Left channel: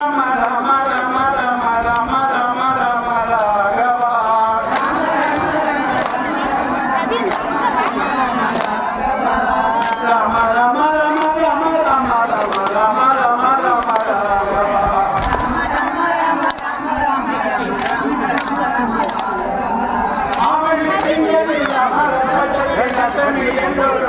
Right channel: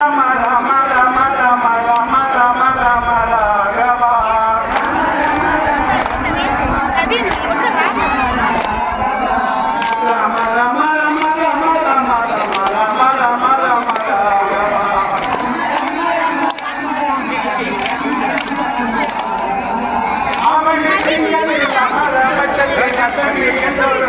Rama Rama Rama Rama Rama Rama Rama Raghava Rama Rama Rama Rama Rama Rama Rama Rama Rama Raghava Avani Singani Rama Rama Chandra Chandra Chandra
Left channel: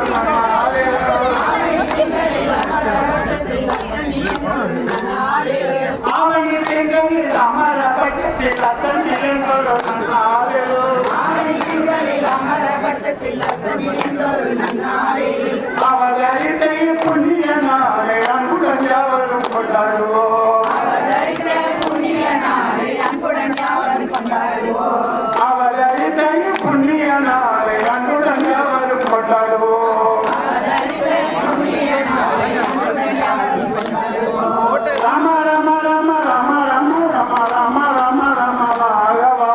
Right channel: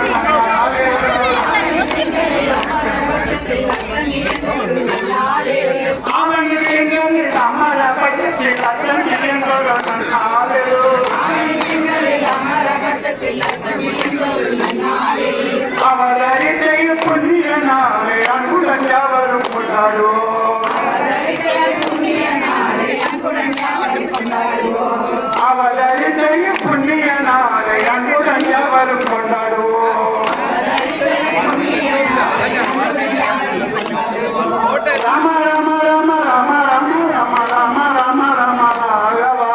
அவதரித்தைய புண்ணியனாலே அன்புடன் யாவரும் கொண்டாடுவோம் அவதரித்தைய புண்ணியனாலே அன்புடன் யாவரும் கொண்டாடுவோம் ராம ராம ராம ராம ராம ராம ராம ராம ராம ராகவா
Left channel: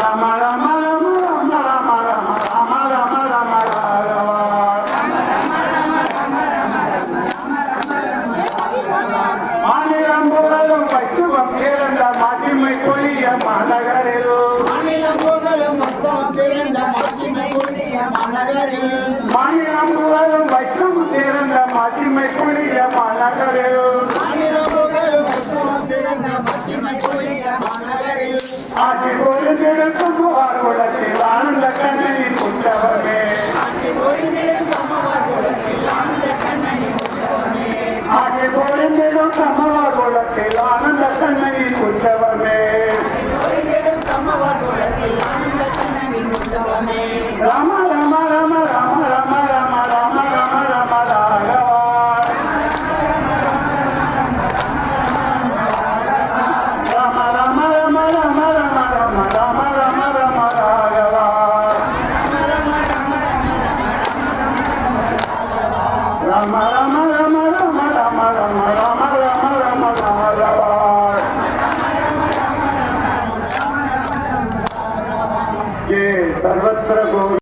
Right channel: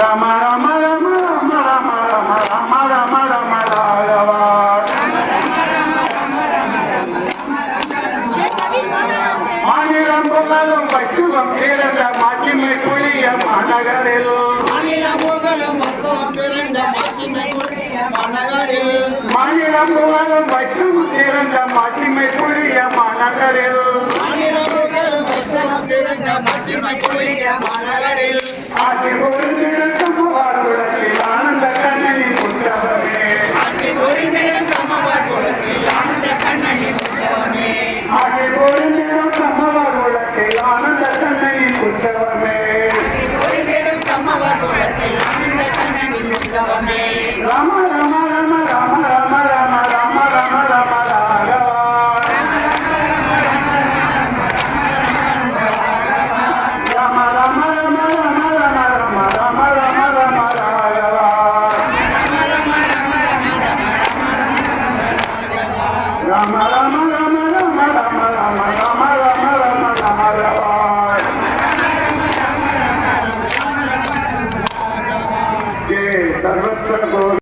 ராம ராம ராம ராம ராம ராம ராம ராம ராம ராகவா மாநிலம் புகழும் பச்சுவம் பிறந்த மாட்சிமை புளிய மாநகரில் மாநிலம் புகழும் பச்சுவம் பிறந்த மாட்சிமை புளிய மாநகரில் ஆட்சி பொருந்திடும் சமூகத்தில் ஆனந்த கண்ணனி முற்றவனே ஆட்சி பொருந்திடும் சமூகத்தில் ஆனந்த கண்ணனி முற்றவனே ராம ராம ராம ராம ராம ராம ராம ராம ராம ராகவா ராம ராம ராம ராம ராம ராம ராம ராம ராம ராகவா ராம ராம ராம ராம ராம ராம ராம ராம ராம ராகவா सर्वत्र